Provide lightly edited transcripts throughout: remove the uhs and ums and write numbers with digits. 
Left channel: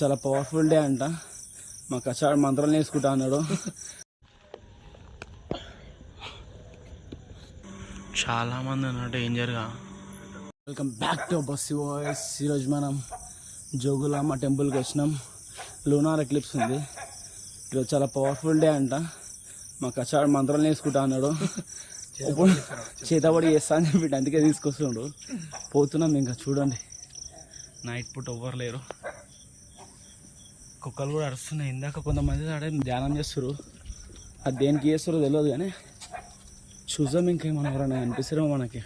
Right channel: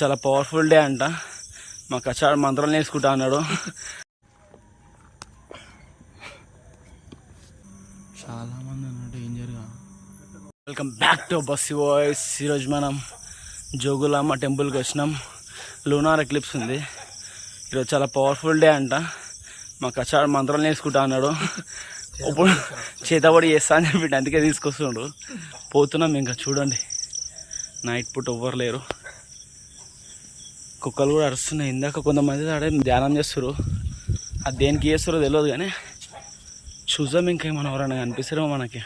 చాలా powerful day అంట. మా కచ్చాడు మంత్రాలు నేర్చుకుంటా అన్నాడు. చాలా మంది ఉన్నారు డేంజర్గా. వెల్కమ్ బ్యాక్ టు బస్సీ వాయిస్. ఈరోజు మనం జోగులాంబ టెంపుల్కి వచ్చినాం. లూనార్ ఎక్లిప్స్ ఉంది ఈరోజు. చాలా పవర్ఫుల్ డే అంట. మా కచ్చాడు మంత్రాలు నేర్చుకుంటా అన్నాడు. ఇప్పుడు చేతబడి చేస్తా అని చెప్పి అందుకే తీసుకొస్తుండు. పోతున్నాం ఇంకా. చూడండి నైట్ పూట ఎవ్వరు లేరు. కుక్కలు కూడా అరుస్తున్నాయి. ఇందాక కొంతమంది ఆడే ధ్యానం చేస్తారు. అది దేనికి చేస్తారో తెలియదు కానీ చూద్దాం. ఇంకా మనం ఎవరైనా కనిపిస్తారేమో మనకి.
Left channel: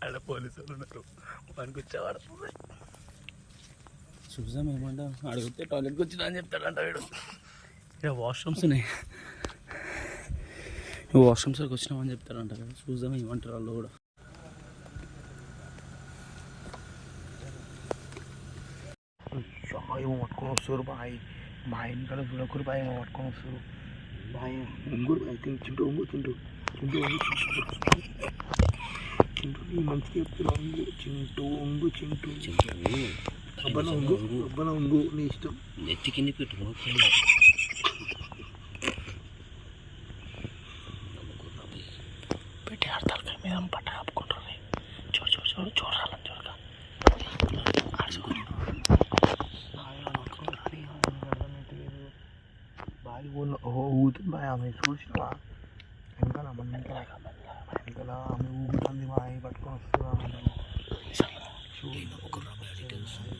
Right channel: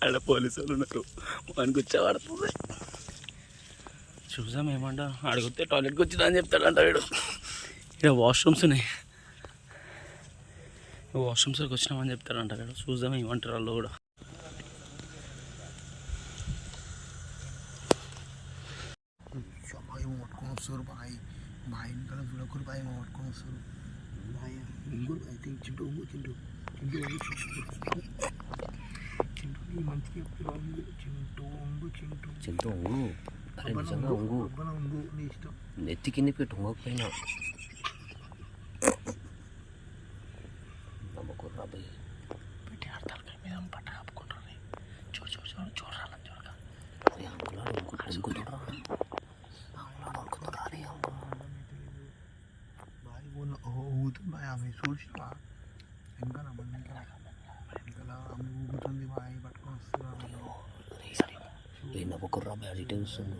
అక్కడ పోలీసు వాళ్ళు ఉన్నారు. వానికి వచ్చేవాడుతుంది. చూద్దాం ఏమంటా. అడిగితే టాయిలెట్కి వచ్చిందా అని చెప్తాడంట వీడు. ఇక్కడ వాష్రూమ్స్ ఉన్నాయి. వాష్రూమ్స్కి వచ్చినామని చెప్తాడంట వీడు. చూద్దాం ఏమంటారు వాళ్ళు కూడా. ఏమో పట్టుకొని వస్తారు బాయ్. బాయ్ ఇంకా చూడకూరు బాయ్. ఏమో పట్టుకొని వస్తారు బాయ్. ఇంకూరు బాయ్ చింటూ ఒంగు చింటూ చింటూ ఒంగు చింటూ మంచిగా చెప్తున్నా. చింటూ ఒంగు చింటూ చింటూ ఒంగు ఒంగు ఒంగు నీ ఇష్టం. నెత్తి కింద పెట్టు ఒంగకపోయినా పెట్టి ఆడతారు మీద పట్ట ఆపుకుంటారు. చూడు చూడు చూడు చూడాలని చూడగా బాయ్ ఊగుతుంది బాయ్. ఆమె చూసినా వెనకాల మన వెనకాల ఆమె ఊగుతుంది బాయ్. పట్టుకొని వస్తున్నా ఒకరు డీటెయిల్స్ ఉంది.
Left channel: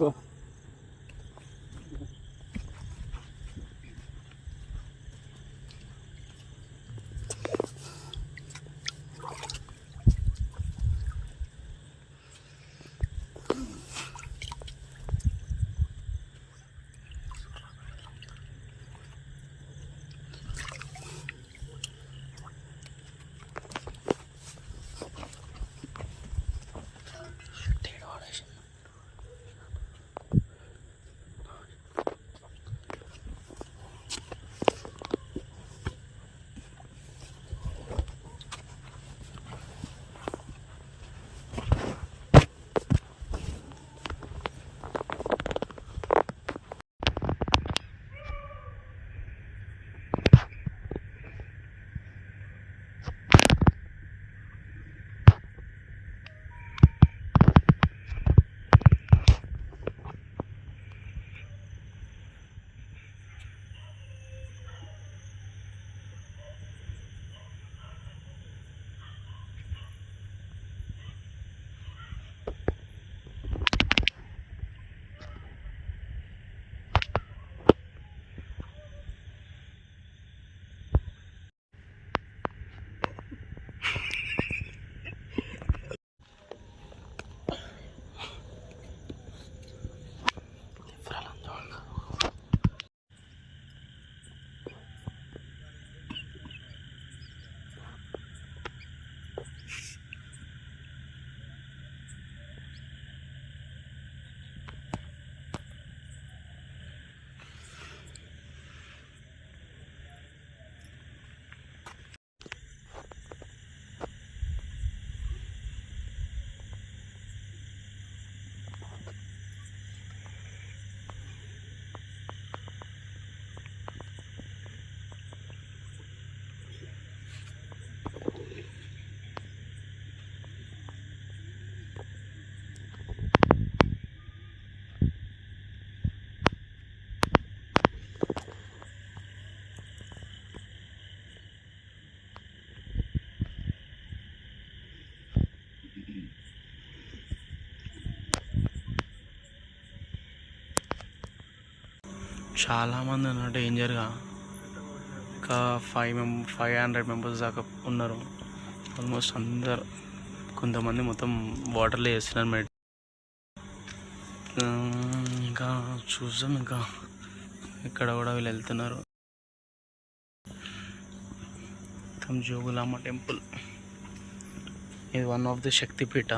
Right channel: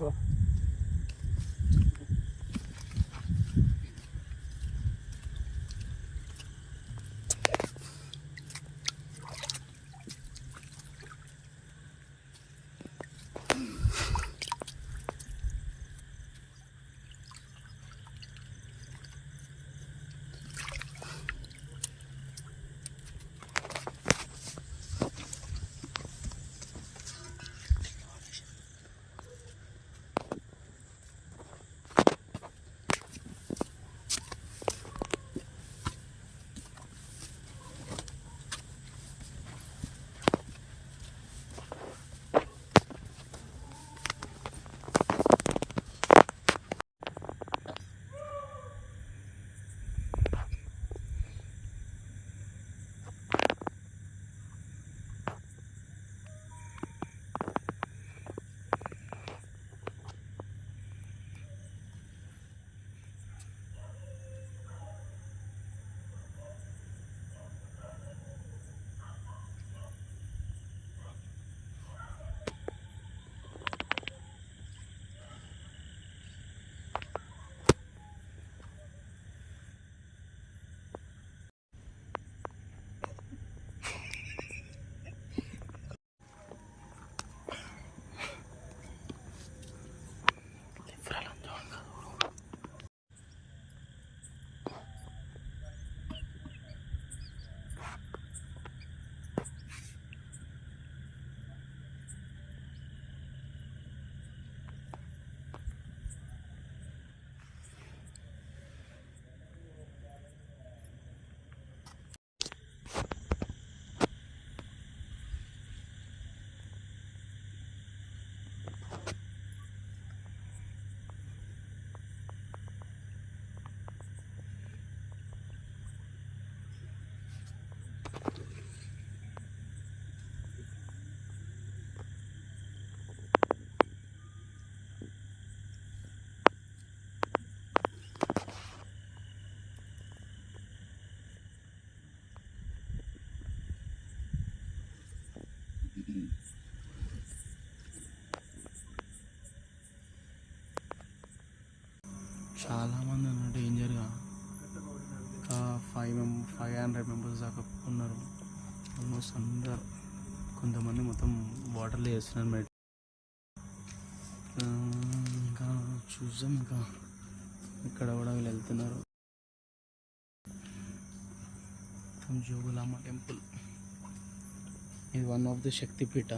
Go. చాలామంది అన్నమాట డేంజర్గా ఒక 500 మెంబర్స్ దాకా ఉన్నారు. ఆల్మోస్ట్ అందరు, కొంతమంది మొత్తం వాటర్లో వేస్తున్నారు మెడ్. ఇంకా చూద్దాం, ఇంకా ఇక్కడ కూడా వీళ్ళు వెళ్తున్నారు. జోగులాంబ టెంపుల్ ఇది one of the Shaktipeetha.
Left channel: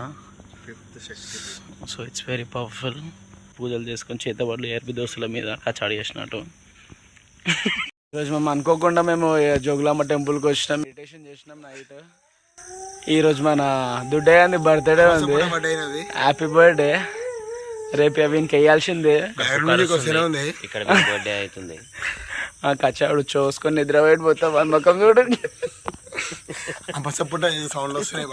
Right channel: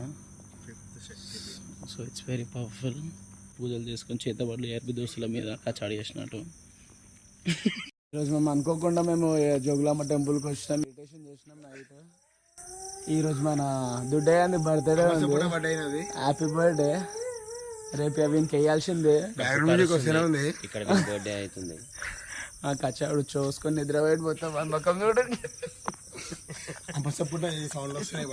So it's very powerful. పూజలు చేసుకొని చేతబడులు ఏర్పి దోస్తుల మీద కచాడి చేసినట్టు. ఈరోజు మేము అనుకోకుండా జోగులాంబ టెంపుల్కి వచ్చినాం, మెడిటేషన్ చేసినాం నైట్. ఈరోజు మన దుడ్డయ్య బర్త్డే ఉంది. Happy birthday. రేపు అవికి వేయాల్సిందే. ఇక్కడ బర్త్డే అవుతుంది. ఆ కచాడు చూసుకొని నిద్రపోయి పోతాం. వన్ ముఖం చూడండి, సౌండ్ వస్తున్నాయి.